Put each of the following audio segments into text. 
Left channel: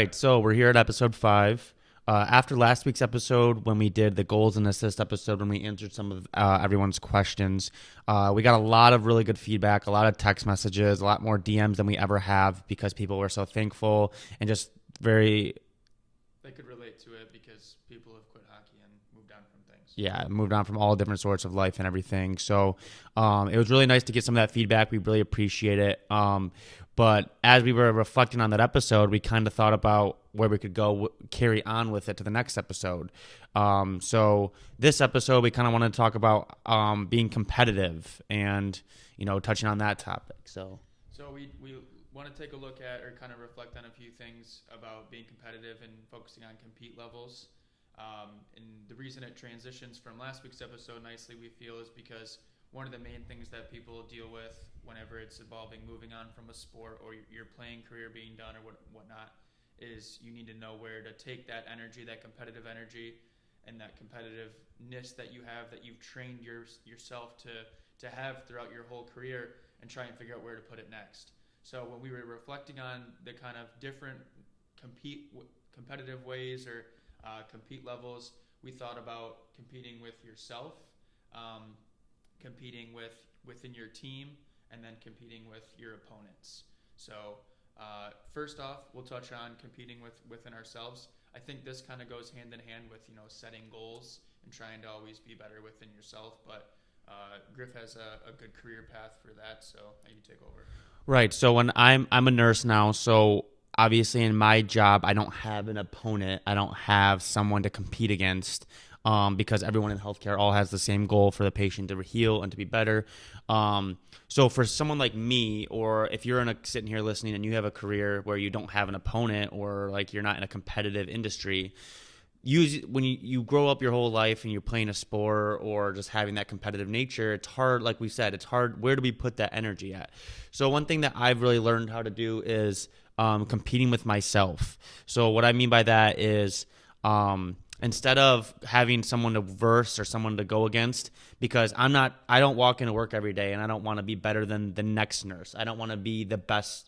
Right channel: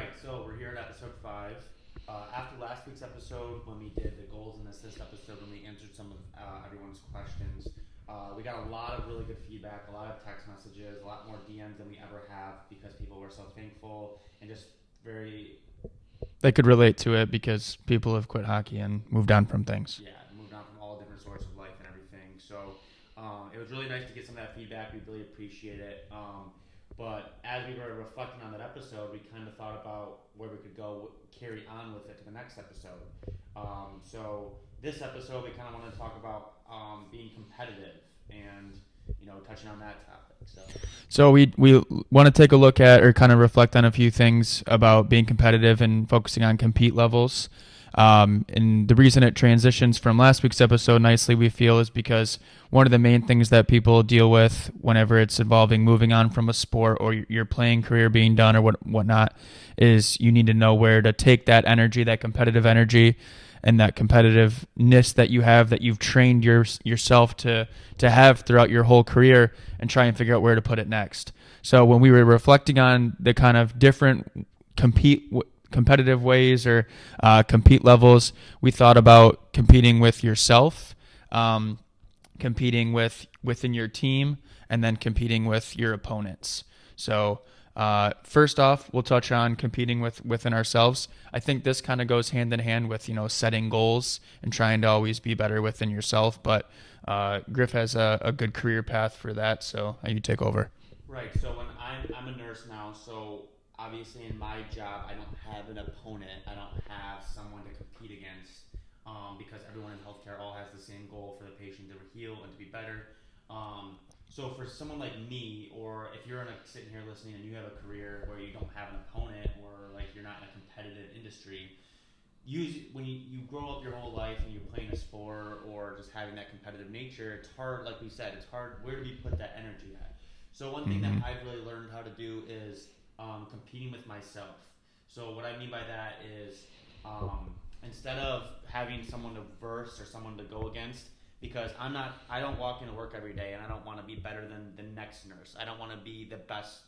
right, so we're here at episode 5. After last week's episode, when we did the goals and assist episode, when we answered some of everyone's questions, we got a lot of really good feedback, a lot of text messages, a lot more DMs than we ever have because people were so thankful and just very... They could relate to it because people have quit hockey and moved on from things. Yeah, moved on from all different sorts of life and everything. So it was really nice to get some of that feedback. We really appreciate it. But as we were reflecting on that episode, we kind of thought about where we could go carry on with it to the next episode. So this episode, we kind of wanted to talk about being competitive and, touching on that topic. So we want to take a look at or kind of reflect on a few things about being competitive and focusing on compete levels. And the reason it transitions from last week's episode nicely, we feel, is because one of the main things that people deal with whenever it's involving moving on from a sport or your playing career being done or whatnot is you need to know where to take that energy, that competitive energy, and that competitiveness that you have, that you've trained yourself to have throughout your whole career, and try and figure out where to put it next. So when we were reflecting on the kind of different competitive ways or compete levels, we thought about competing with yourself, competing within your team, and then competing with your opponents. So first off, we'll touch on competing within ourselves. I think this kind of goes hand in hand with setting goals and trying to always be better within yourself. But Griff has a good career path for that, so you take over. Right. So when I'm a nurse now, so obviously in my job, I don't have an opponent. I don't have someone to compete against because everyone in healthcare all has the same goal for the patient to heal and to be better. So for someone like me, or if you're sitting here listening and you have a career where you don't have an opponent or like you're not in a competitive industry, when you grow up your whole life and you're playing a sport or just having that competitive nature, it's hard, like we said, it's hard. Where do we put that energy at? So one thing that I've really learned how to do is competing with myself. So what I mean by that is instead of having someone to verse or someone to go against, because I don't walk into work every day and I don't want to be better than the next nurse. I don't want to be the best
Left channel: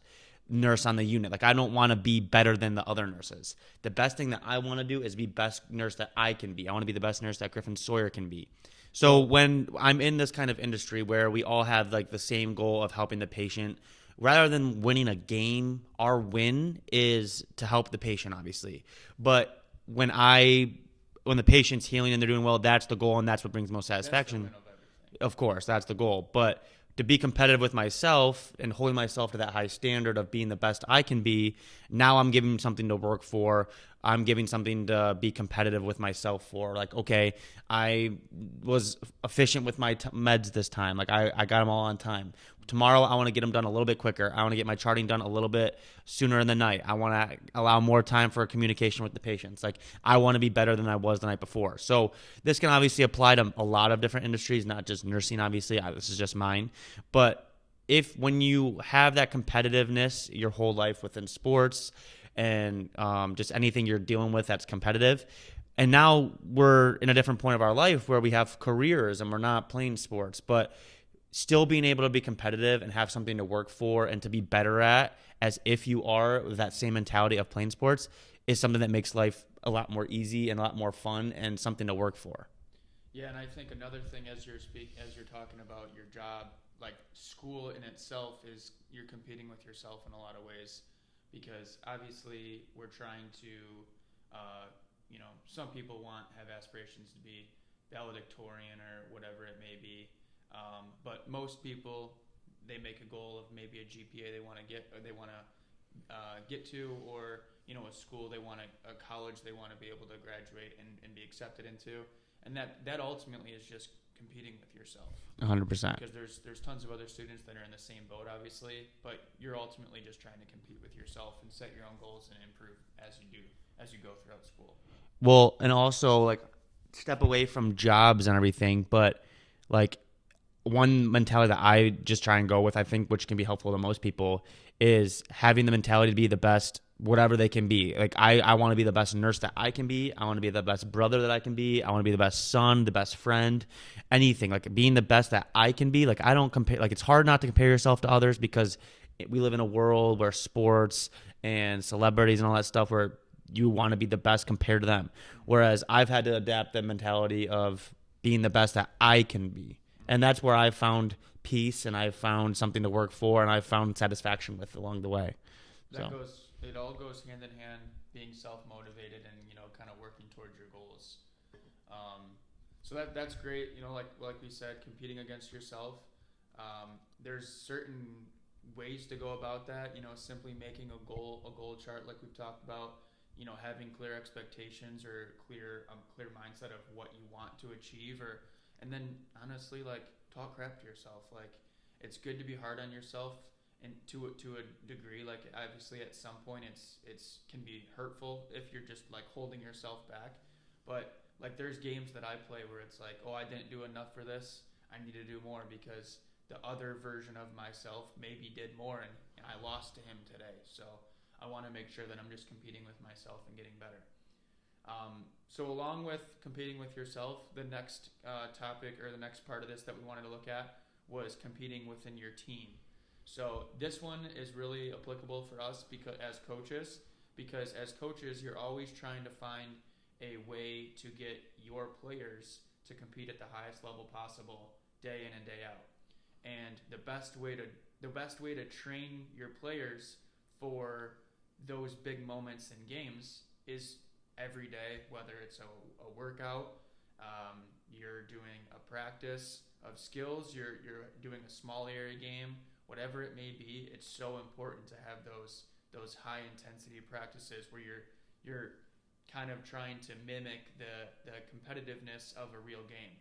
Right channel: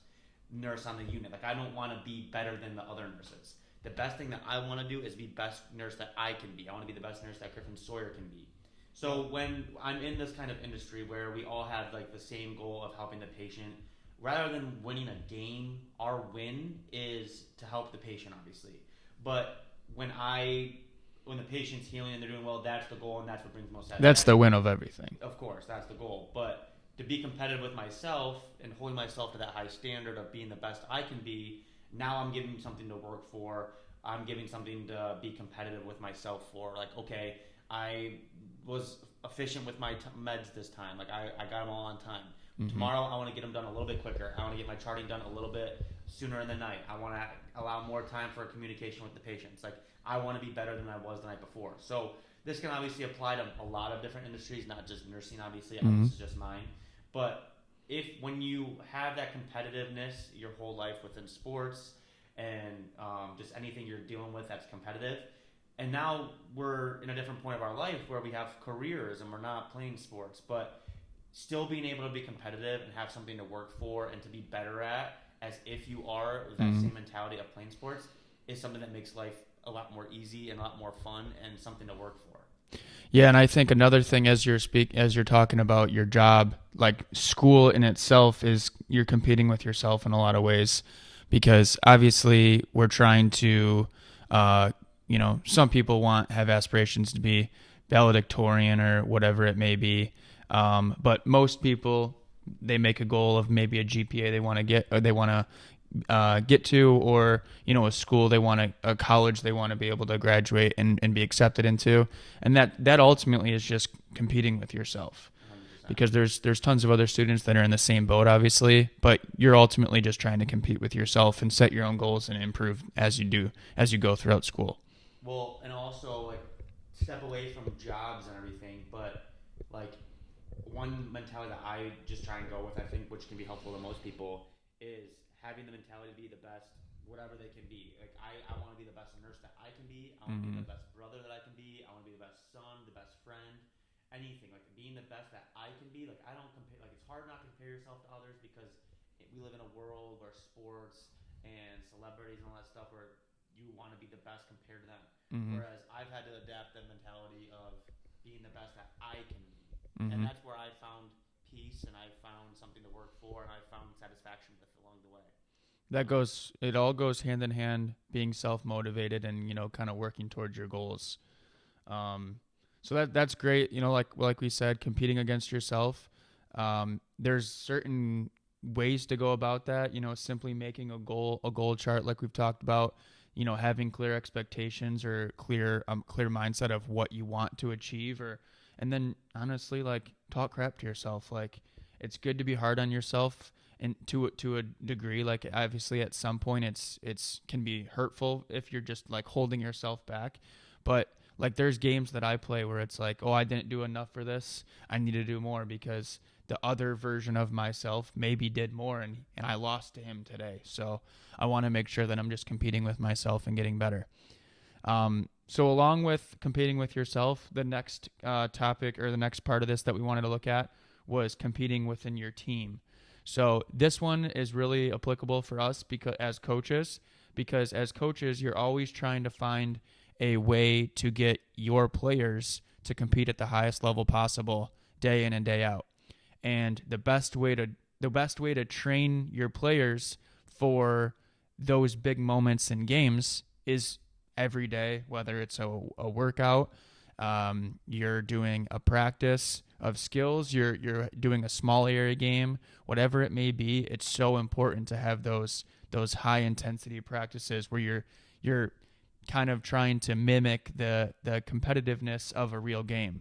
nurse on the unit. Like, I don't want to be better than the other nurses. The best thing that I want to do is be best nurse that I can be. I want to be the best nurse that Griffin Sawyer can be. So when I'm in this kind of industry where we all have like the same goal of helping the patient, rather than winning a game, our win is to help the patient, obviously. But when the patient's healing and they're doing well, that's the goal, and that's what brings most satisfaction. That's the win of everything. Of course, that's the goal. But to be competitive with myself and holding myself to that high standard of being the best I can be, now I'm giving something to work for. I'm giving something to be competitive with myself for. Like, okay, I was efficient with my meds this time. Like, I got them all on time. Mm-hmm. Tomorrow, I want to get them done a little bit quicker. I want to get my charting done a little bit sooner in the night. I want to allow more time for communication with the patients. Like, I want to be better than I was the night before. So this can obviously apply to a lot of different industries, not just nursing, obviously. Mm-hmm. This is just mine. But when you have that competitiveness your whole life within sports and just anything you're dealing with that's competitive, and now we're in a different point of our life where we have careers and we're not playing sports, but still being able to be competitive and have something to work for and to be better at, as if you are with that same mentality of playing sports, is something that makes life a lot more easy and a lot more fun and something to work for. Yeah, and I think another thing as you're talking about your job, like school in itself, is you're competing with yourself in a lot of ways, because obviously we're trying to, some people have aspirations to be valedictorian or whatever it may be, but most people, they make a goal of maybe a GPA they want to get, or they want to get to, or a school a college they want to be able to graduate and be accepted into, and that ultimately is just competing with yourself 100%, because there's tons of other students that are in the same boat, obviously, but you're ultimately just trying to compete with yourself and set your own goals and improve as you go throughout school. Well, and also like step away from jobs and everything, but like one mentality that I just try and go with, I think, which can be helpful to most people, is having the mentality to be the best, whatever they can be. Like, I want to be the best nurse that I can be. I want to be the best brother that I can be. I want to be the best son, the best friend, anything. Like, being the best that I can be. Like, I don't compare. Like, it's hard not to compare yourself to others because we live in a world where sports and celebrities and all that stuff where you want to be the best compared to them. Mm-hmm. Whereas I've had to adapt the mentality of being the best that I can be. Mm-hmm. And that's where I've found peace and I've found something to work for and I've found satisfaction with along the way. It all goes hand in hand, being self-motivated and, kind of working towards your goals. So that's great. Like we said, competing against yourself. There's certain ways to go about that, simply making a goal chart like we've talked about, having clear expectations or clear mindset of what you want to achieve, and then honestly, like, talk crap to yourself. Like, it's good to be hard on yourself, and to a degree. Like, obviously at some point it's can be hurtful if you're just like holding yourself back. But like, there's games that I play where it's like, oh, I didn't do enough for this, I need to do more because the other version of myself maybe did more, and I lost to him today. So I want to make sure that I'm just competing with myself and getting better. So along with competing with yourself, the next topic or the next part of this that we wanted to look at was competing within your team. So this one is really applicable for us because as coaches, you're always trying to find a way to get your players to compete at the highest level possible day in and day out. And the best way to train your players for those big moments in games is every day, whether it's a workout, you're doing a practice of skills, you're doing a small area game, whatever it may be. It's so important to have those high intensity practices where you're kind of trying to mimic the competitiveness of a real game.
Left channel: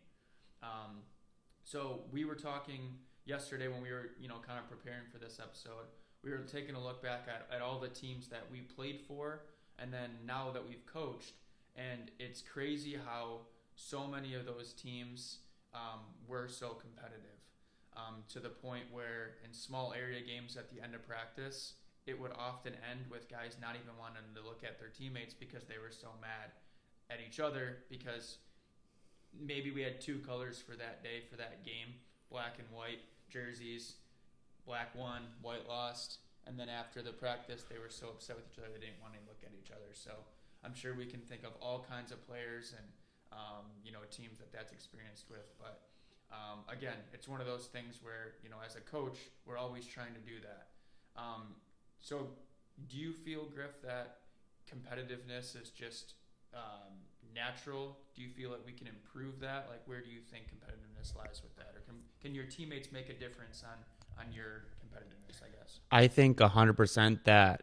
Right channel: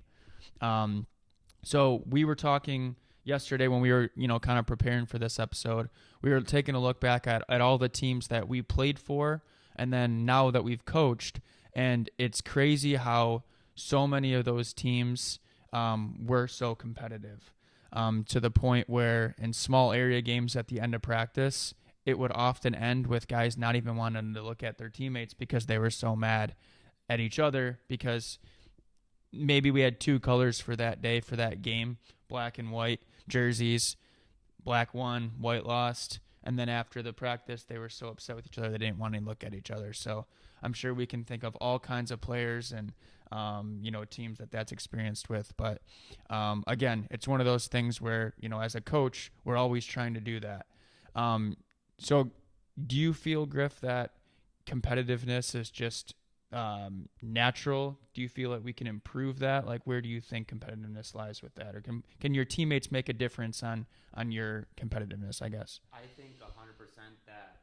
So we were talking yesterday when we were, kind of preparing for this episode. We were taking a look back at all the teams that we played for, and then now that we've coached, and it's crazy how so many of those teams were so competitive, to the point where in small area games at the end of practice, it would often end with guys not even wanting to look at their teammates because they were so mad at each other because maybe we had two colors for that day, for that game, black and white jerseys, black won, white lost, and then after the practice, they were so upset with each other they didn't want to look at each other. So I'm sure we can think of all kinds of players and teams that's experienced with. But again, it's one of those things where, as a coach, we're always trying to do that. So do you feel, Griff, that competitiveness is just natural? Do you feel like we can improve that? Like, where do you think competitiveness lies with that? Or can your teammates make a difference on your competitiveness, I guess? I think 100% that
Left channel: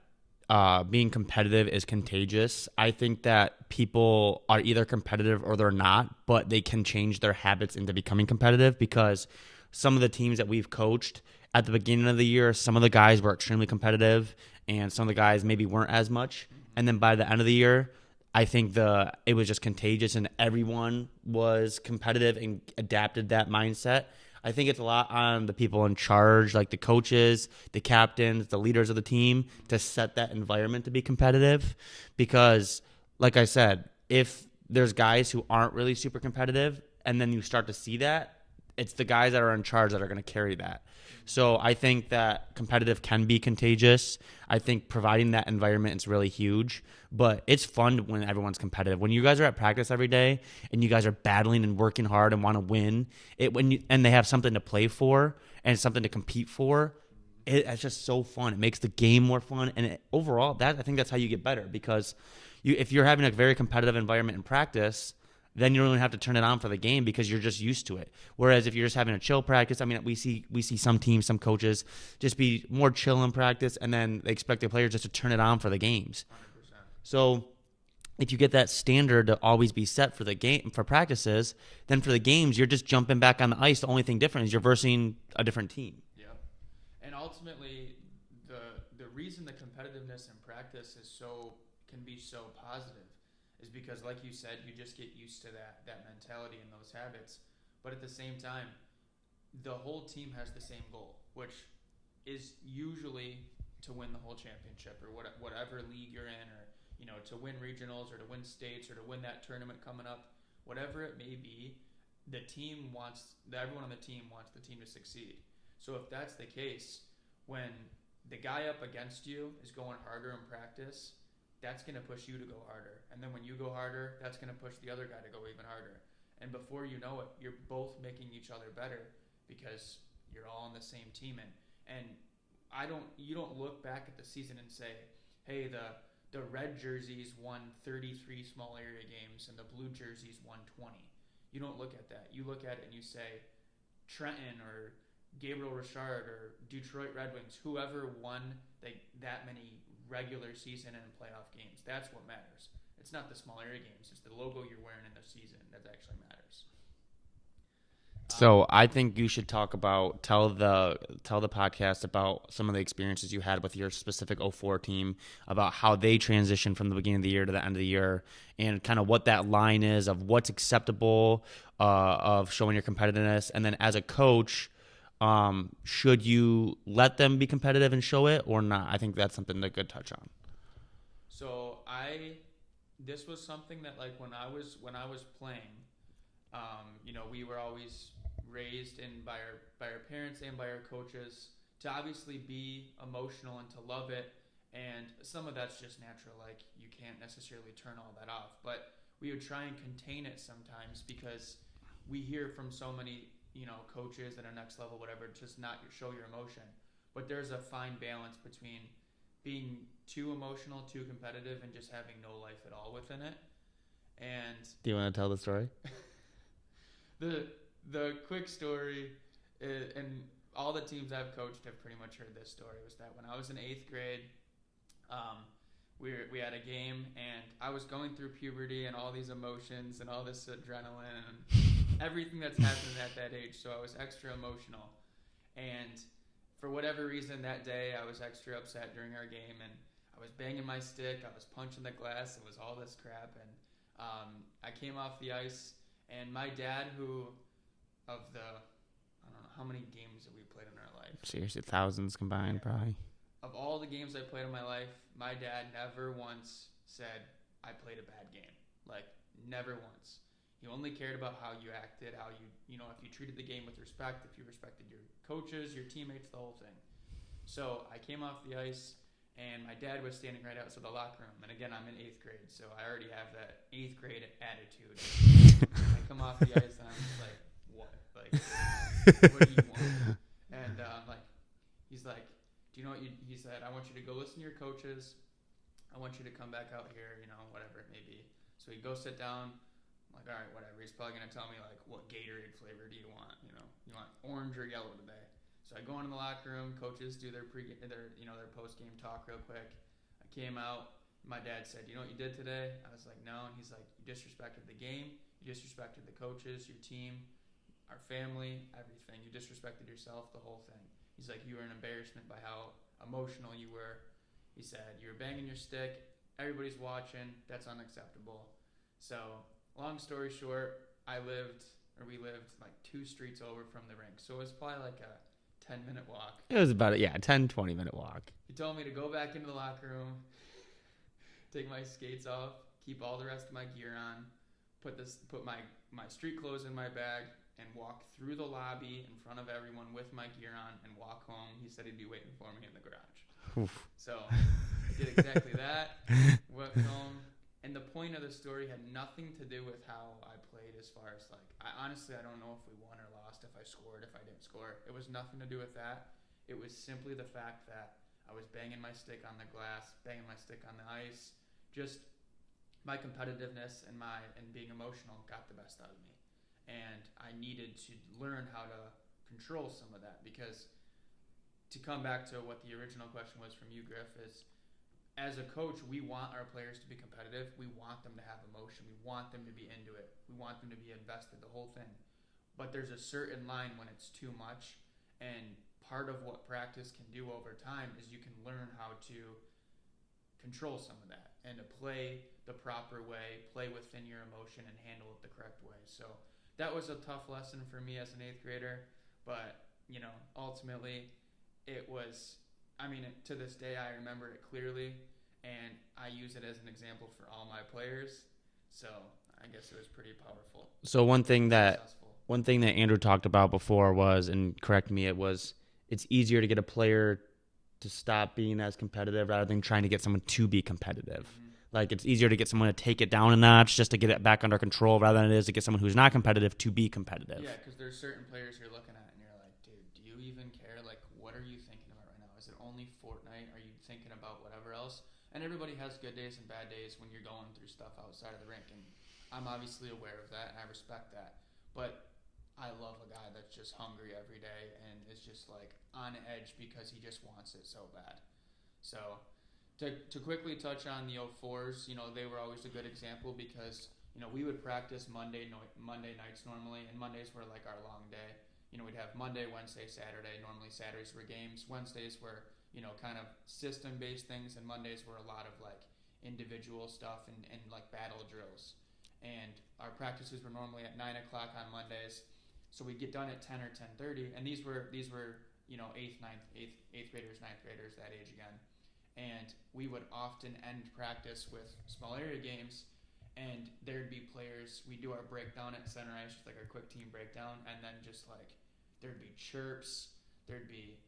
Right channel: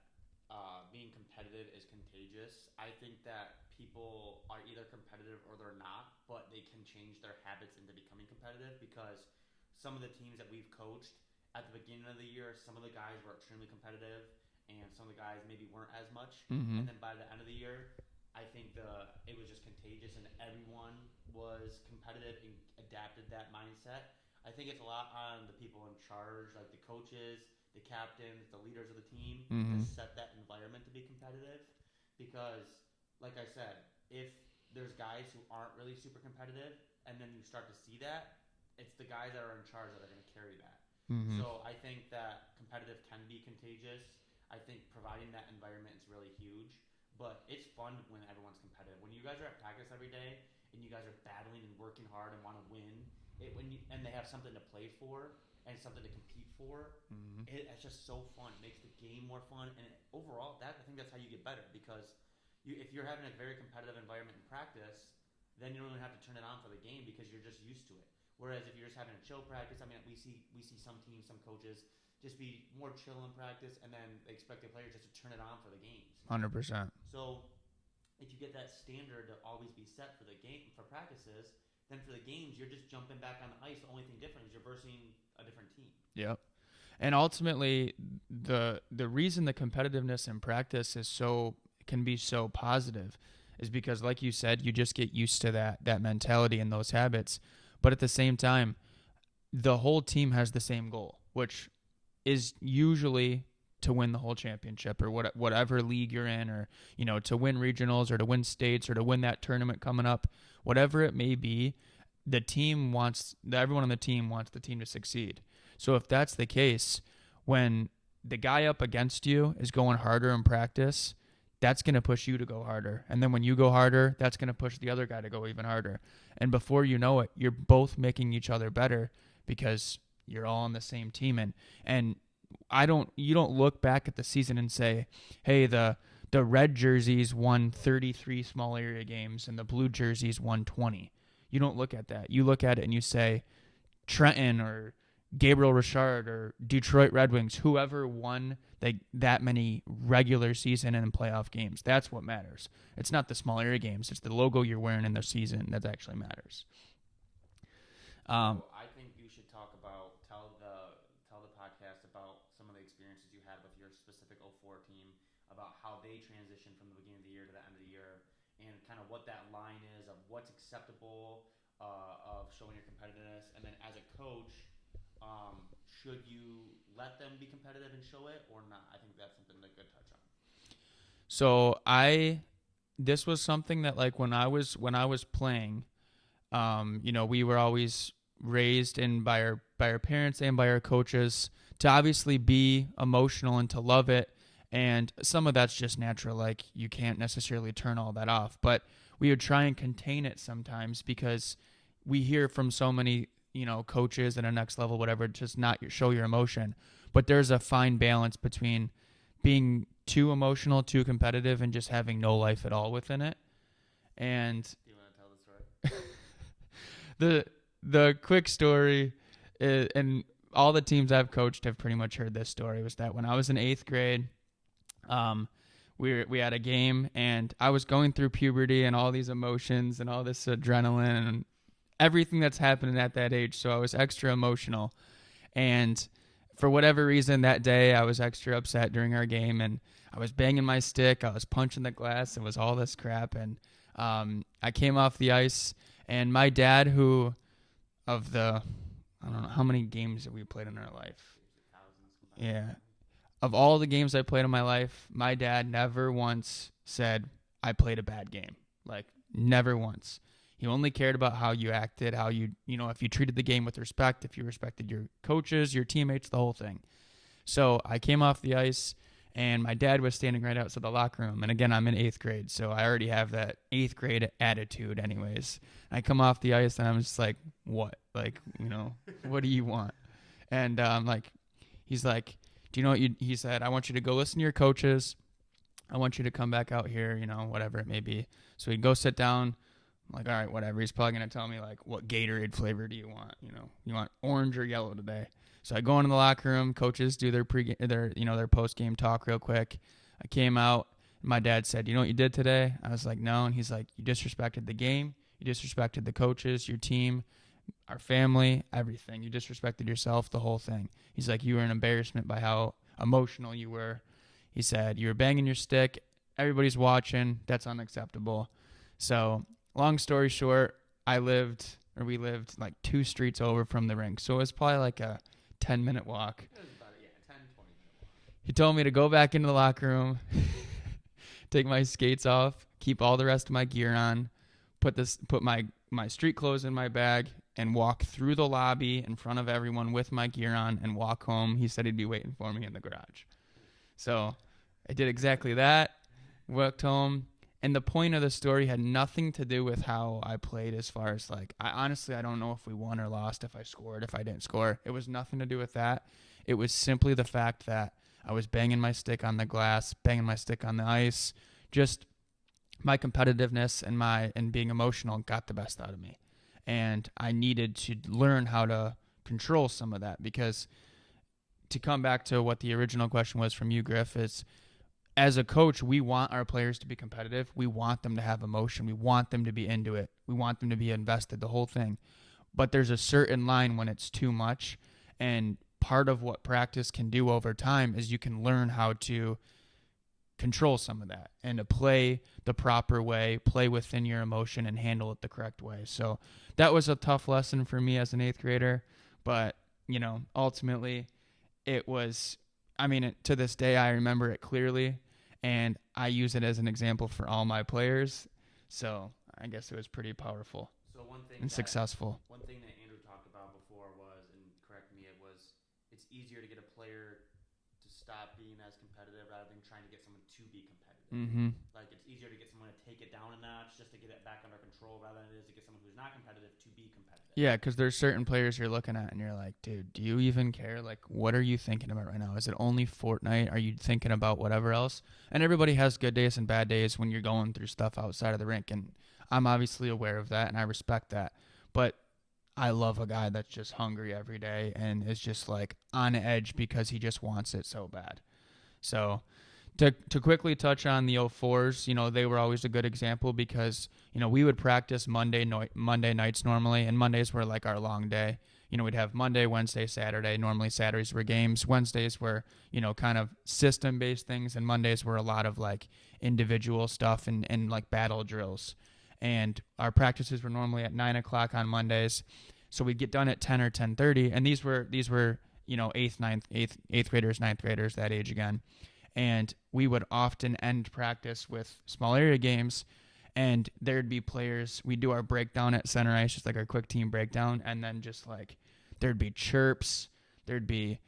being competitive is contagious. I think that people are either competitive or they're not, but they can change their habits into becoming competitive, because some of the teams that we've coached at the beginning of the year, some of the guys were extremely competitive and some of the guys maybe weren't as much. Mm-hmm. And then by the end of the year, I think it was just contagious and everyone was competitive and adapted that mindset. I think it's a lot on the people in charge, like the coaches, the captains, the leaders of the team, mm-hmm. to set that environment to be competitive. Because, like I said, if there's guys who aren't really super competitive and then you start to see that, it's the guys that are in charge that are going to carry that. Mm-hmm. So I think that competitive can be contagious. I think providing that environment is really huge. But it's fun when everyone's competitive. When you guys are at practice every day and you guys are battling and working hard and want to win, and they have something to play for and something to compete for, mm-hmm. It's just so fun. It makes the game more fun. And overall, I think that's how you get better, because if you're having a very competitive environment in practice, then you don't even have to turn it on for the game because you're just used to it. Whereas if you're just having a chill practice, I mean, we see some teams, some coaches just be more chill in practice, and then they expect their players just to turn it on for the games. 100%. So if you get that standard to always be set for the game, for practices, then for the games, you're just jumping back on the ice. The only thing different is you're versing a different team. Yep. And ultimately, the reason the competitiveness in practice can be so positive is because, like you said, you just get used to that mentality and those habits. But at the same time, the whole team has the same goal, which is usually to win the whole championship or whatever league you're in, or to win regionals or to win states or to win that tournament coming up, whatever it may be. Everyone on the team wants the team to succeed. So if that's the case, when the guy up against you is going harder in practice, that's going to push you to go harder. And then when you go harder, that's going to push the other guy to go even harder. And before you know it, you're both making each other better because you're all on the same team. And you don't look back at the season and say, hey, the red jerseys won 33 small area games and the blue jerseys won 20. You don't look at that. You look at it and you say, Trenton or Gabriel Richard or Detroit Red Wings, whoever won that many regular season and playoff games. That's what matters. It's not the small area games. It's the logo you're wearing in the season that actually matters. So I think you should tell the podcast about some of the experiences you had with your specific 04 team, about how they transitioned from the beginning of the year to the end of the year, and kind of what that line is of what's acceptable of showing your competitiveness. And then as a coach, should you let them be competitive and show it or not? I think that's something that could touch on. So this was something that like when I was playing, we were always raised in by our parents and by our coaches to obviously be emotional and to love it. And some of that's just natural. Like you can't necessarily turn all that off, but we would try and contain it sometimes because we hear from so many, coaches at a next level, whatever, just not show your emotion. But there's a fine balance between being too emotional, too competitive, and just having no life at all within it. And do you want to tell the story? The quick story, and all the teams I've coached have pretty much heard this story, was that when I was in 8th grade, we had a game, and I was going through puberty and all these emotions and all this adrenaline and everything that's happening at that age. So I was extra emotional. And for whatever reason that day, I was extra upset during our game, and I was banging my stick. I was punching the glass. It was all this crap. And I came off the ice, and my dad, I don't know how many games have we played in our life. Seriously, thousands combined. Yeah. Probably. Of all the games I played in my life, my dad never once said I played a bad game. Like, never once. He only cared about how you acted, how if you treated the game with respect, if you respected your coaches, your teammates, the whole thing. So I came off the ice, and my dad was standing right outside the locker room. And again, I'm in 8th grade, so I already have that 8th grade attitude anyways. I come off the ice, and I'm just like, what? Like, what do you want? And he's like, do you know what he said? I want you to go listen to your coaches. I want you to come back out here, whatever it may be. So he'd go sit down. I'm like, all right, whatever. He's probably going to tell me, like, what Gatorade flavor do you want? You want orange or yellow today? So I go into the locker room. Coaches do their their post-game talk real quick. I came out. My dad said, you know what you did today? I was like, no. And he's like, you disrespected the game. You disrespected the coaches, your team, our family, everything. You disrespected yourself, the whole thing. He's like, you were an embarrassment by how emotional you were. He said, you were banging your stick. Everybody's watching. That's unacceptable. So long story short, we lived like 2 streets over from the rink. So it was probably like a 10-minute walk. It was about 10-20-minute walk. He told me to go back into the locker room, take my skates off, keep all the rest of my gear on, put my street clothes in my bag, and walk through the lobby in front of everyone with my gear on and walk home. He said he'd be waiting for me in the garage. Oof. So I did exactly that, walked home. And the point of the story had nothing to do with how I played, as far as like, I don't know if we won or lost, if I scored, if I didn't score. It was nothing to do with that. It was simply the fact that I was banging my stick on the glass, banging my stick on the ice. Just my competitiveness and being emotional got the best out of me. And I needed to learn how to control some of that, because to come back to what the original question was from you, Griff, is as a coach, we want our players to be competitive. We want them to have emotion. We want them to be into it. We want them to be invested, the whole thing. But there's a certain line when it's too much. And part of what practice can do over time is you can learn how to control some of that and to play the proper way, play within your emotion, and handle it the correct way. So that was a tough lesson for me as an 8th grader. But, ultimately it was, to this day, I remember it clearly. And I use it as an example for all my players. So I guess it was pretty powerful. So one thing that successful. Andrew talked about before was, and correct me, it's easier to get a player to stop being as competitive rather than trying to get someone to be competitive. Mm-hmm. Like it's easier to get someone to take it down a notch just to get it back under control rather than it is to get someone who's not competitive to be competitive. Yeah, because there's certain players you're looking at and you're like, dude, do you even care? Like, what are you thinking about right now? Is it only Fortnite? Are you thinking about whatever else? And everybody has good days and bad days when you're going through stuff outside of the rink. And I'm obviously aware of that and I respect that. But I love a guy that's just hungry every day and is just like on edge because he just wants it so bad. So to quickly touch on the 04s, they were always a good example because, we would practice Monday nights normally, and Mondays were like our long day. We'd have Monday, Wednesday, Saturday. Normally Saturdays were games. Wednesdays were, kind of system-based things, and Mondays were a lot of like individual stuff and like battle drills. And our practices were normally at 9 o'clock on Mondays. So we'd get done at 10 or 10:30, and these were eighth graders, ninth graders, that age again. And we would often end practice with small area games, and there'd be players. We'd do our breakdown at center ice, just like our quick team breakdown, and then just like there'd be chirps, there'd be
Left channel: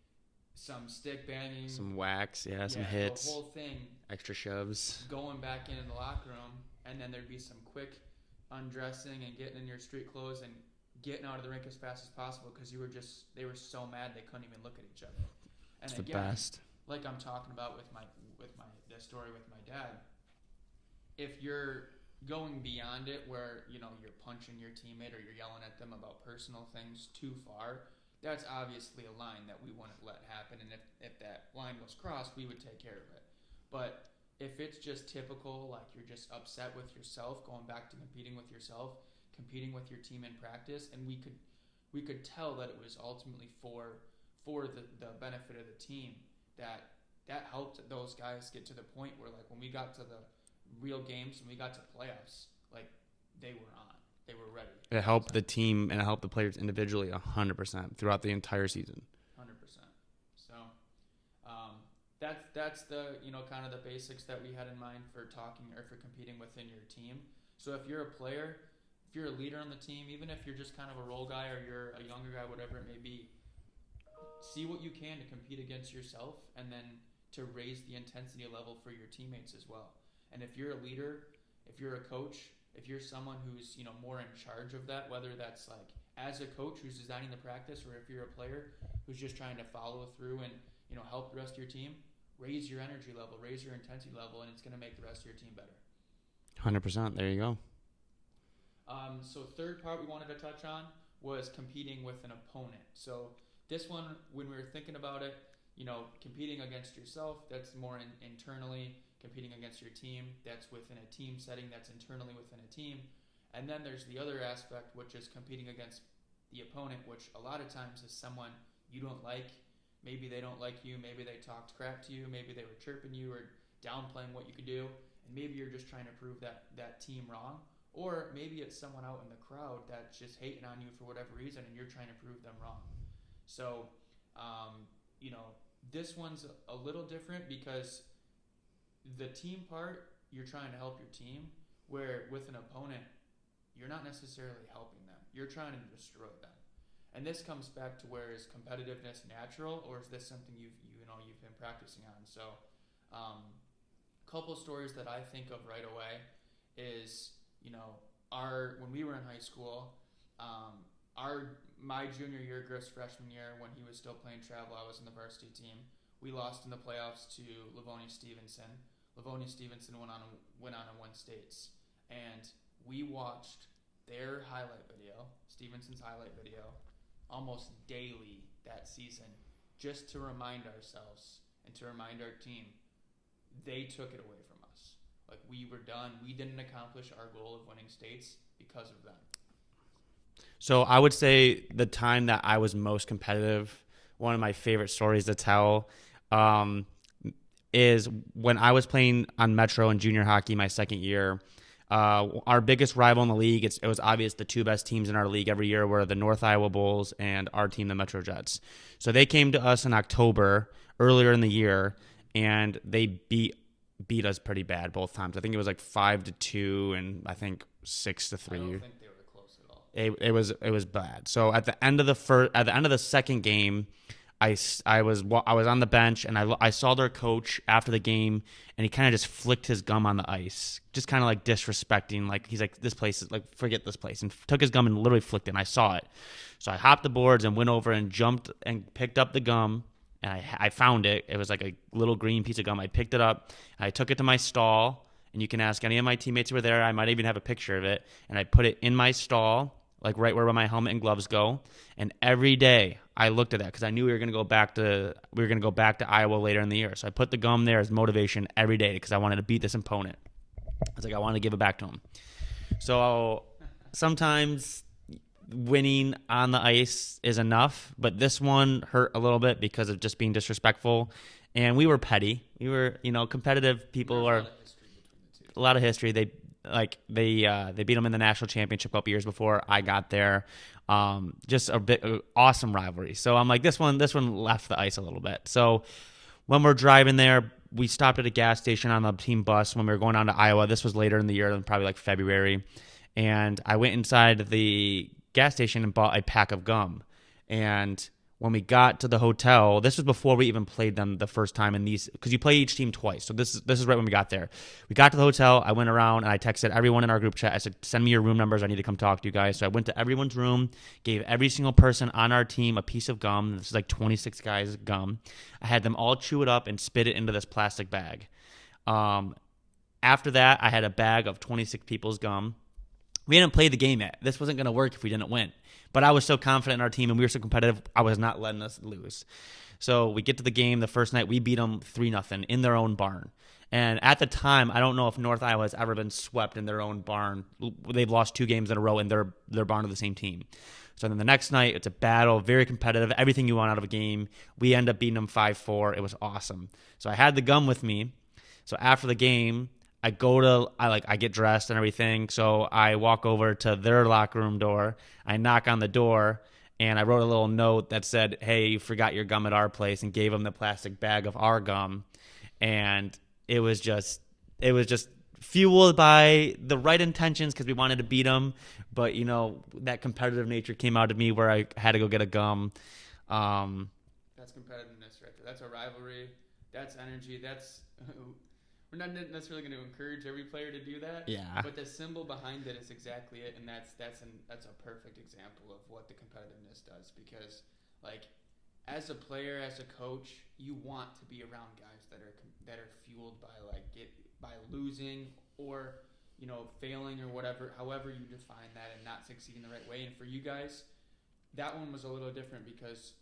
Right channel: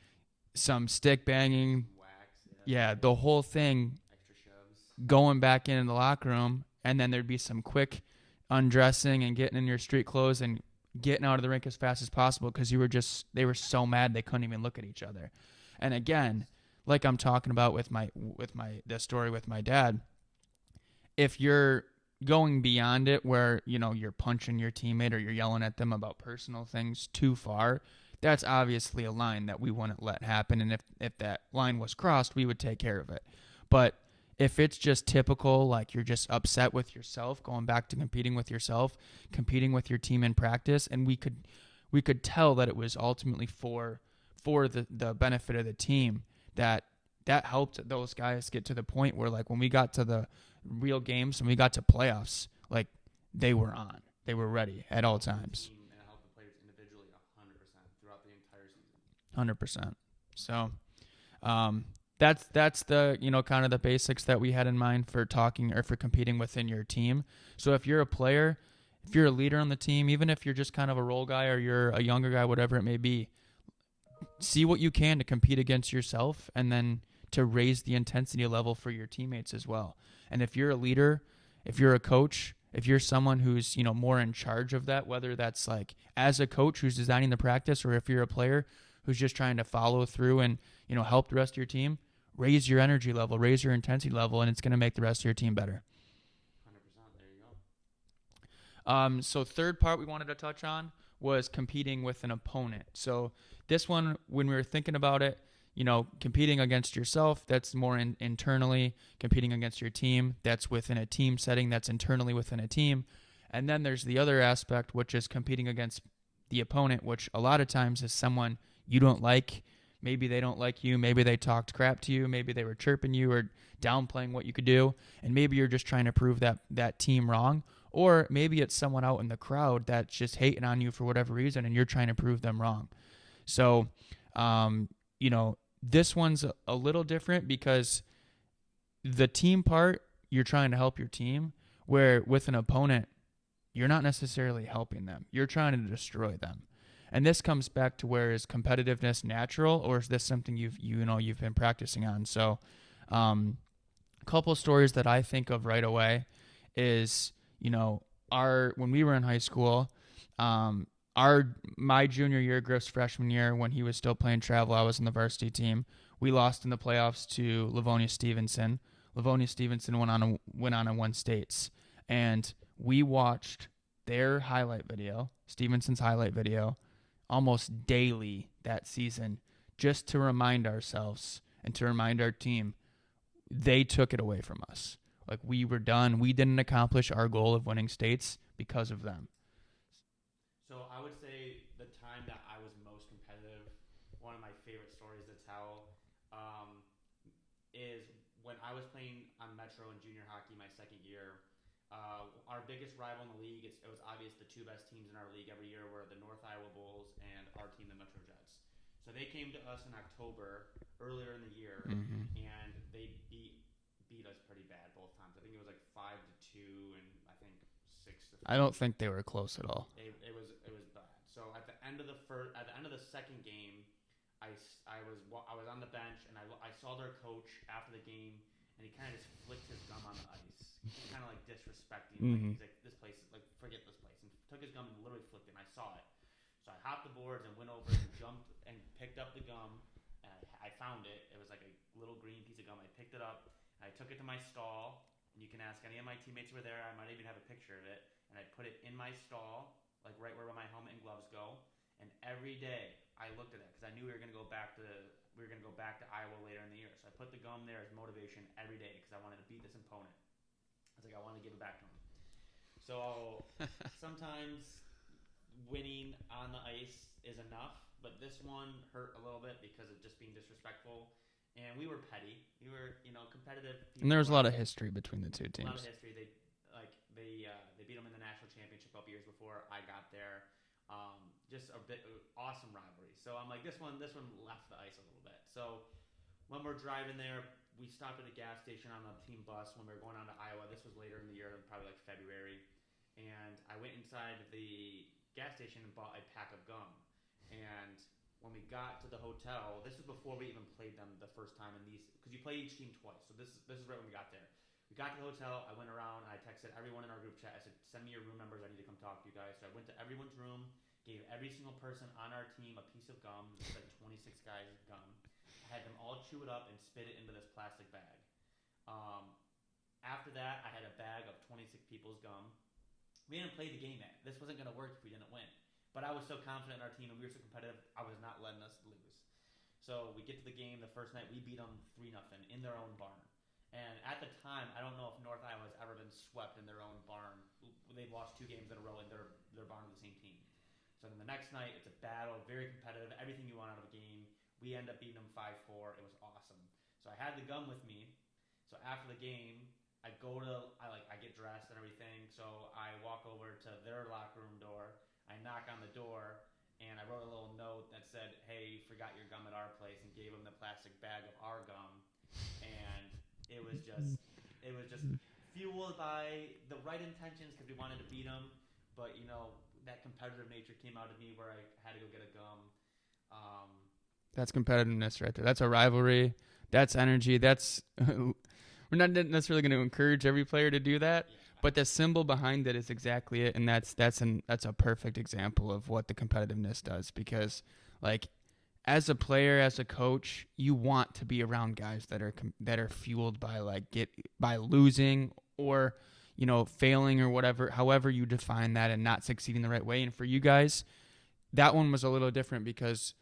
some stick banging, some wax, some the hits, whole thing, extra shoves, going back into the locker room, and then there'd be some quick undressing and getting in your street clothes and getting out of the rink as fast as possible because they were so mad they couldn't even look at each other. And it's again, like I'm talking about with the story with my dad, if you're going beyond it where you're punching your teammate or you're yelling at them about personal things too far, that's obviously a line that we wouldn't let happen. And if that line was crossed, we would take care of it. But if it's just typical, like you're just upset with yourself, going back to competing with yourself, competing with your team in practice, and we could tell that it was ultimately for the benefit of the team, that helped those guys get to the point where, like, when we got to the real games and we got to playoffs, like, they were on. They were ready at all times. It helped the team and it helped the players individually 100% throughout the entire season. 100%. So that's the kind of the basics that we had in mind for talking or for competing within your team. So if you're a player, if you're a leader on the team, even if you're just kind of a role guy or you're a younger guy, whatever it may be, see what you can to compete against yourself and then to raise the intensity level for your teammates as well. And if you're a leader, if you're a coach, if you're someone who's more in charge of that, whether that's like as a coach who's designing the practice, or if you're a player who's just trying to follow through and help the rest of your team, raise your energy level, raise your intensity level, and it's going to make the rest of your team better. 100%. There you go. So third part we wanted to touch on was competing with an opponent. So this one, when we were thinking about it, competing against yourself, that's more internally. Competing against your team, that's within a team setting, that's internally within a team. And then there's the other aspect, which is competing against the opponent, which a lot of times is someone you don't like. Maybe they don't like you. Maybe they talked crap to you. Maybe they were chirping you or downplaying what you could do. And maybe you're just trying to prove that team wrong. Or maybe it's someone out in the crowd that's just hating on you for whatever reason, and you're trying to prove them wrong. So, this one's a little different because the team part, you're trying to help your team, where with an opponent, you're not necessarily helping them. You're trying to destroy them. And this comes back to, where is competitiveness natural, or is this something you've been practicing on? So, a couple of stories that I think of right away is, when we were in high school, my junior year, Griff's freshman year, when he was still playing travel, I was in the varsity team. We lost in the playoffs to Livonia Stevenson. Livonia Stevenson went on to win states, and we watched their highlight video, Stevenson's highlight video, almost daily that season, just to remind ourselves and to remind our team they took it away from us. Like, we were done. We didn't accomplish our goal of winning states because of them. So I would say the time that I was most competitive, one of my favorite stories to tell, is when I was playing on Metro in junior hockey my second year. Our biggest rival in the league, it was obvious the two best teams in our league every year were the North Iowa Bulls and our team, the Metro Jets. So they came to us in October, earlier in the year, and they beat us pretty bad both times. I think it was like 5-2 and I think 6-3. I don't think they were close at all. It was bad. So at the end of the second game, I was on the bench, and I saw their coach after the game, and he kind of just flicked his gum on the ice, just kind of like disrespecting. Like he's like, this place is like, forget this place, and took his gum and literally flicked it. And I saw it, so I hopped the boards and went over and jumped and picked up the gum, and I found it. It was like a little green piece of gum. I picked it up, and I took it to my stall, and you can ask any of my teammates who were there. I might even have a picture of it, and I put it in my stall, like right where my helmet and gloves go. And every day I looked at that because I knew we were going to go back to Iowa later in the year. So I put the gum there as motivation every day because I wanted to beat this opponent. I was like, I wanted to give it back to him. So sometimes winning on the ice is enough, but this one hurt a little bit because of just being disrespectful. And we were petty. We were, competitive people. There's a lot of history between the two teams. A lot of history. They beat them in the national championship a couple years before I got there. Just a bit awesome rivalry. So I'm like, this one left the ice a little bit. So when we're driving there, we stopped at a gas station on the team bus when we were going down to Iowa. This was later in the year, probably like February. And I went inside the gas station and bought a pack of gum. And when we got to the hotel, this was before we even played them the first time in these, because you play each team twice. So this is right when we got there. We got to the hotel. I went around and I texted everyone in our group chat. I said, send me your room numbers. I need to come talk to you guys. So I went to everyone's room, gave every single person on our team a piece of gum. This is like 26 guys gum. I had them all chew it up and spit it into this plastic bag. After that, I had a bag of 26 people's gum. We hadn't played the game yet. This wasn't going to work if we didn't win. But I was so confident in our team, and we were so competitive, I was not letting us lose. So we get to the game the first night. We beat them 3-0 in their own barn. And at the time, I don't know if North Iowa has ever been swept in their own barn. They've lost 2 games in a row in their barn of the same team. So then the next night, it's a battle, very competitive, everything you want out of a game. We end up beating them 5-4. It was awesome. So I had the gum with me. So after the game, I get dressed and everything. So I walk over to their locker room door. I knock on the door, and I wrote a little note that said, hey, you forgot your gum at our place, and gave them the plastic bag of our gum. And it was just fueled by the right intentions because we wanted to beat them. But, that competitive nature came out of me where I had to go get a gum. That's competitiveness right there. That's a rivalry. That's energy. That's we're not necessarily going to encourage every player to do that. Yeah. But the symbol behind it is exactly it, and that's a perfect example of what the competitiveness does. Because, like, as a player, as a coach, you want to be around guys that are fueled by by losing or failing or whatever, however you define that, and not succeeding the right way. And for you guys, that one was a little different because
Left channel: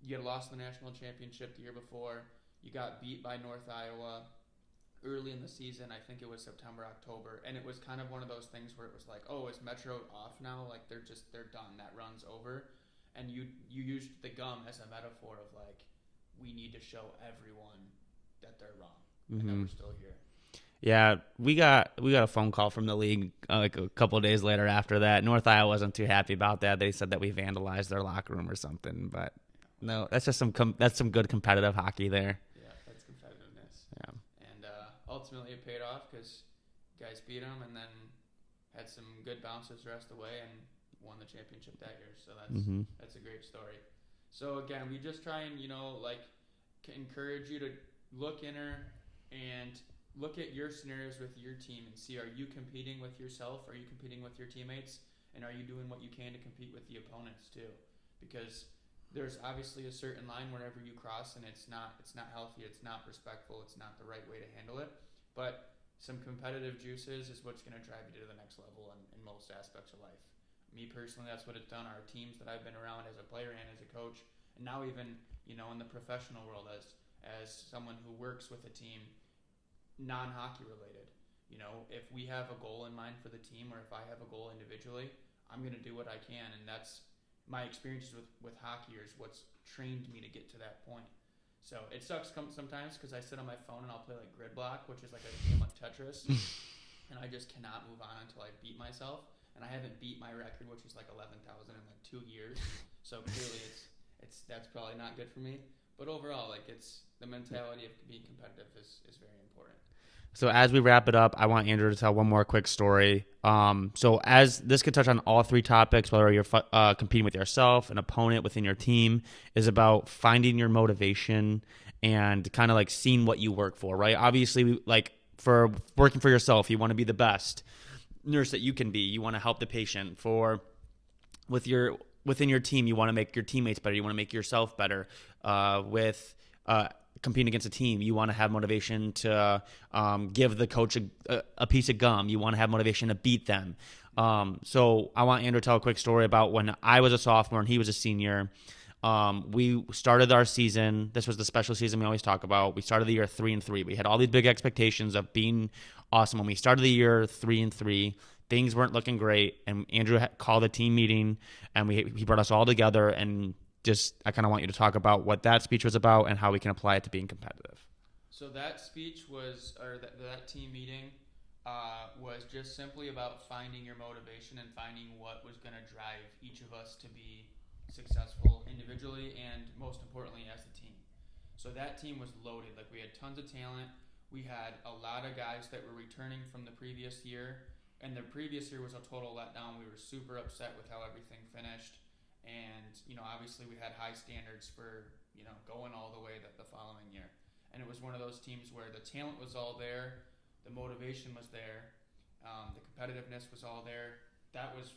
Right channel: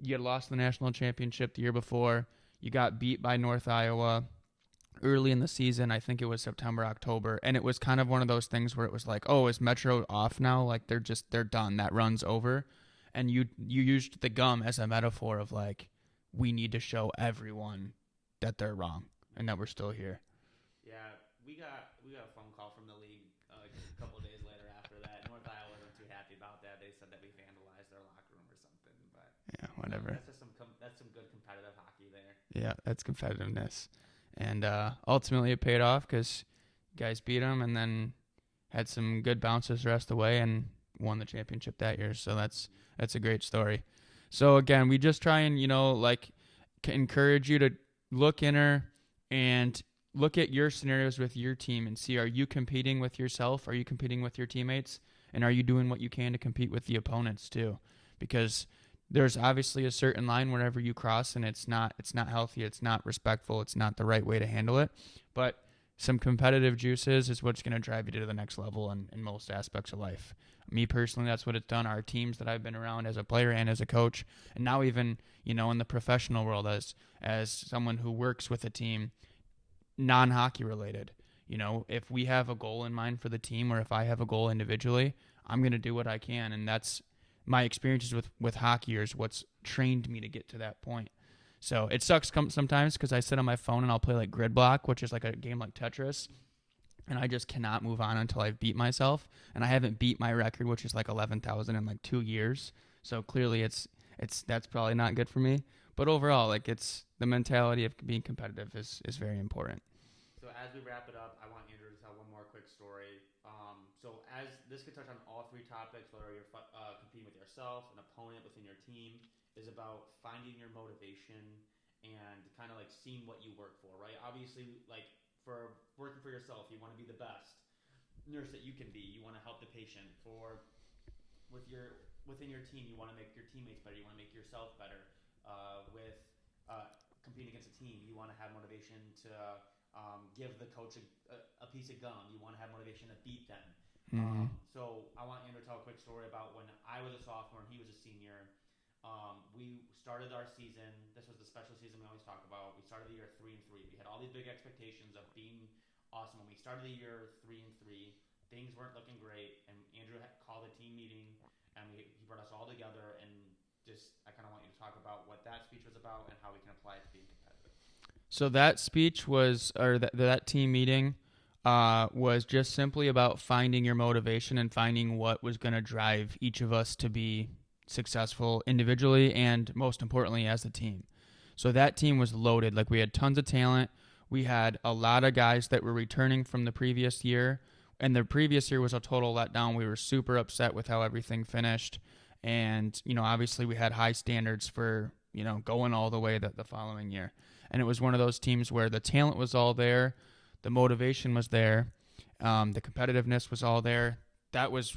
you had lost the national championship the year before. You got beat by North Iowa early in the season. I think it was September, October. And it was kind of one of those things where it was like, oh, is Metro off now? Like they're done. That run's over. And you used the gum as a metaphor of like, we need to show everyone that they're wrong and that we're still here. Yeah, we got a phone call from the league like a couple of days later after that. North Iowa wasn't too happy about that. They said that we vandalized their locker room or something. But no, that's just some good competitive hockey there. Yeah, that's competitiveness. Yeah. And ultimately it paid off because guys beat them and then had some good bounces the rest of the way and won the championship that year. So that's a great story. So again, we just try and encourage you to look inner and look at your scenarios with your team and see, are you competing with yourself? Are you competing with your teammates? And are you doing what you can to compete with the opponents too? Because there's obviously a certain line whenever you cross and it's not healthy, it's not respectful, it's not the right way to handle it. But some competitive juices is what's going to drive you to the next level in most aspects of life. Me personally, that's what it's done. Our teams that I've been around as a player and as a coach, and now even, in the professional world as someone who works with a team, non-hockey related. If we have a goal in mind for the team or if I have a goal individually, I'm going to do what I can. And that's my experiences with hockeyers, what's trained me to get to that point. So it sucks sometimes because I sit on my phone and I'll play like Grid Block, which is like a game like Tetris. And I just cannot move on until I beat myself. And I haven't beat my record, which is like 11,000 in like 2 years. So clearly that's probably not good for me. But overall, like it's the mentality of being competitive is very important. So as we wrap it up, I want Andrew to tell one more quick story. So as this could touch on all three topics, whether you're competing with yourself, an opponent within your team, is about finding your motivation and kind of like seeing what you work for, right? Obviously, like for working for yourself, you want to be the best nurse that you can be. You want to help the patient. Within your team, you want to make your teammates better. You want to make yourself better. With competing against a team, you want to have motivation to give the coach a piece of gum. You want to have motivation to beat them. So I want Andrew to tell a quick story about when I was a sophomore and he was a senior. We started our season. This was the special season we always talk about. We started the year 3-3. We had all these big expectations of being awesome. When we started the year 3-3, things weren't looking great. And Andrew called a team meeting, and he brought us all together. And just I kind of want you to talk about what that speech was about and how we can apply it to being competitive. So that speech was, or that team meeting was just simply about finding your motivation and finding what was going to drive each of us to be successful individually and most importantly as a team. So that team was loaded. Like, we had tons of talent. We had a lot of guys that were returning from the previous year, and the previous year was a total letdown. We were super upset with how everything finished, and obviously we had high standards for going all the way the following year. And it was one of those teams where the talent was all there, the motivation was there, the competitiveness was all there. That was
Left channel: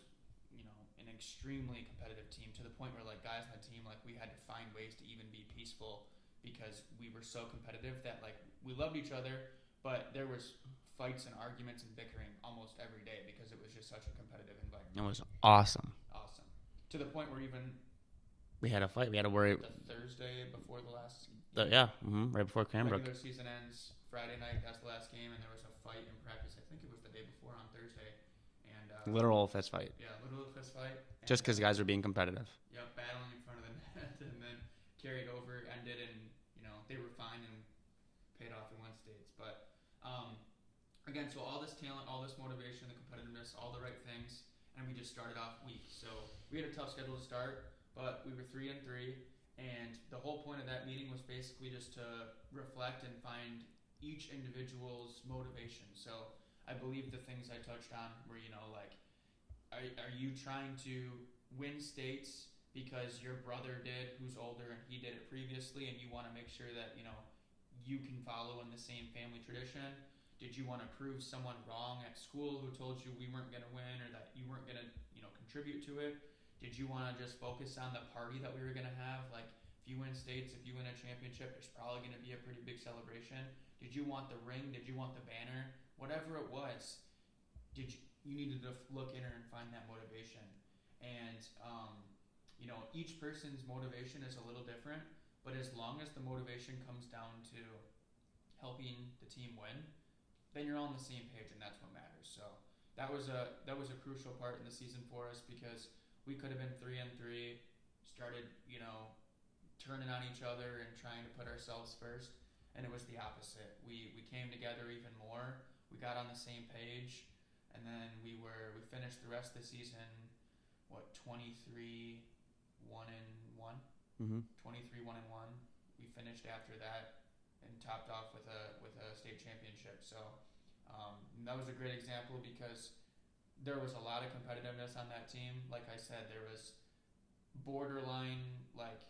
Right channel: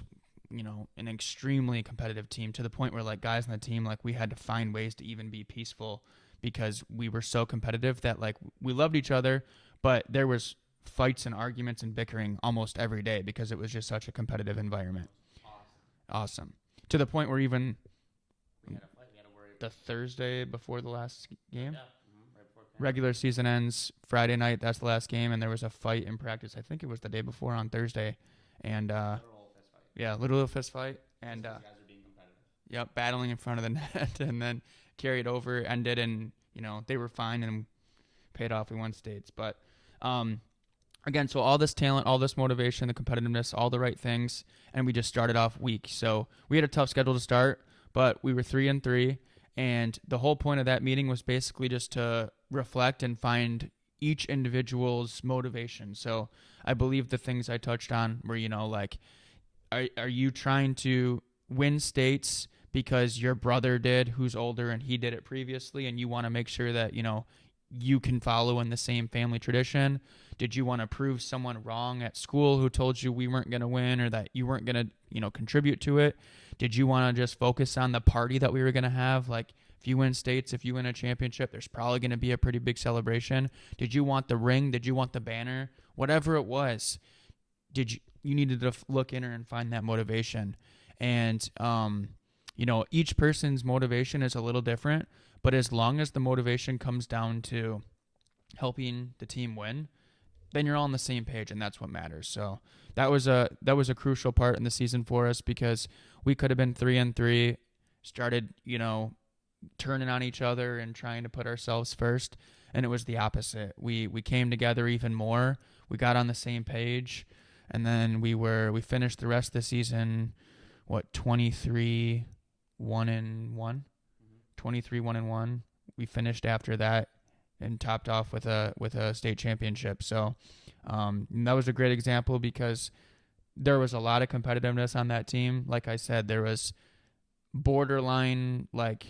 an extremely competitive team, to the point where, like, guys on the team, like, we had to find ways to even be peaceful because we were so competitive that, like, we loved each other, but there was fights and arguments and bickering almost every day because it was just such a competitive environment. It was awesome. To the point where even we had a fight. We had to worry. The Thursday before the last game? Right before Cranbrook. Regular season ends Friday night. That's the last game, and there was a fight in practice. I think it was the day before on Thursday. And literal fist fight. Yeah, literal fist fight. Just because guys were being competitive. Yep, battling in front of the net, and then carried over, ended, and they were fine and paid off. We won states, but again, so all this talent, all this motivation, the competitiveness, all the right things, and we just started off weak. So we had a tough schedule to start, but we were 3-3, and the whole point of that meeting was basically just to reflect and find each individual's motivation. So I believe the things I touched on were, like, are you trying to win states because your brother did, who's older, and he did it previously, and you want to make sure that, you can follow in the same family tradition? Did you want to prove someone wrong at school who told you we weren't going to win or that you weren't going to, contribute to it? Did you want to just focus on the party that we were going to have? Like, if you win states, if you win a championship, there's probably going to be a pretty big celebration. Did you want the ring? Did you want the banner? Whatever it was, you needed to look in and find that motivation. And, each person's motivation is a little different, but as long as the motivation comes down to helping the team win, then you're all on the same page, and that's what matters. So that was a crucial part in the season for us, because we could have been 3-3, started, turning on each other and trying to put ourselves first, and it was the opposite. We came together even more. We got on the same page, and then we finished the rest of the season, 23-1-1? Mm-hmm. 23-1-1. We finished after that and topped off with a state championship. So that was a great example, because there was a lot of competitiveness on that team. Like I said, there was borderline, like,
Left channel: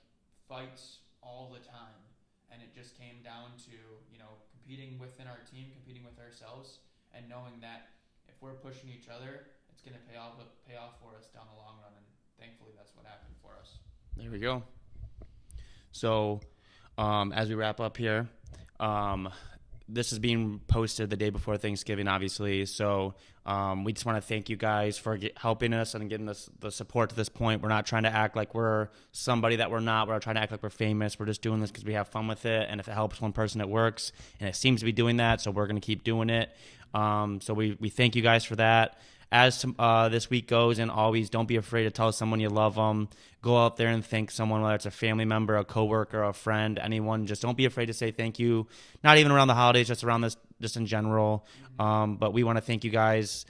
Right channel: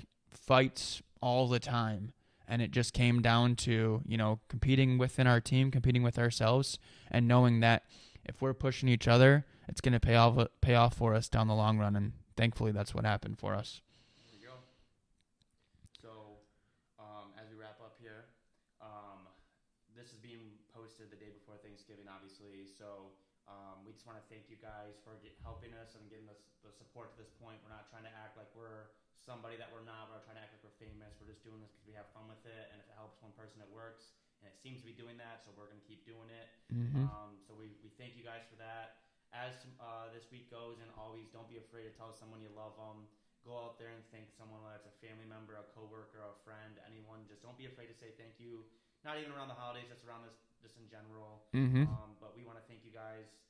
fights all the time. And it just came down to, competing within our team, competing with ourselves, and knowing that if we're pushing each other, it's going to pay off for us down the long run. And thankfully, that's what happened for us. There we go. So as we wrap up here, this is being posted the day before Thanksgiving, obviously. So we just want to thank you guys for helping us and getting us the support to this point. We're not trying to act like we're somebody that we're not. We're not trying to act like we're famous. We're just doing this because we have fun with it. And if it helps one person, it works. And it seems to be doing that, so we're going to keep doing it. Mm-hmm. So we thank you guys for that. As this week goes, and always, don't be afraid to tell someone you love them. Go out there and thank someone, whether it's a family member, a coworker, a friend, anyone. Just don't be afraid to say thank you. Not even around the holidays, just around this, just in general. Mm-hmm. But we want to thank you guys.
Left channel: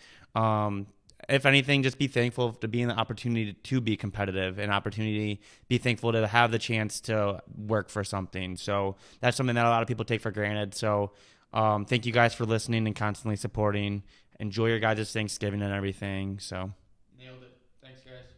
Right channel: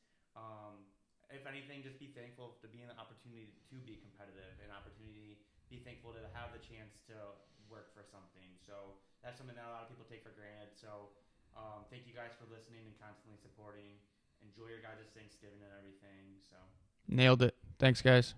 If anything, just be thankful to be in the opportunity to be competitive, and opportunity, be thankful to have the chance to work for something. So that's something that a lot of people take for granted. So Thank you guys for listening and constantly supporting. Enjoy your guys' Thanksgiving and everything. So Nailed it. Thanks, guys.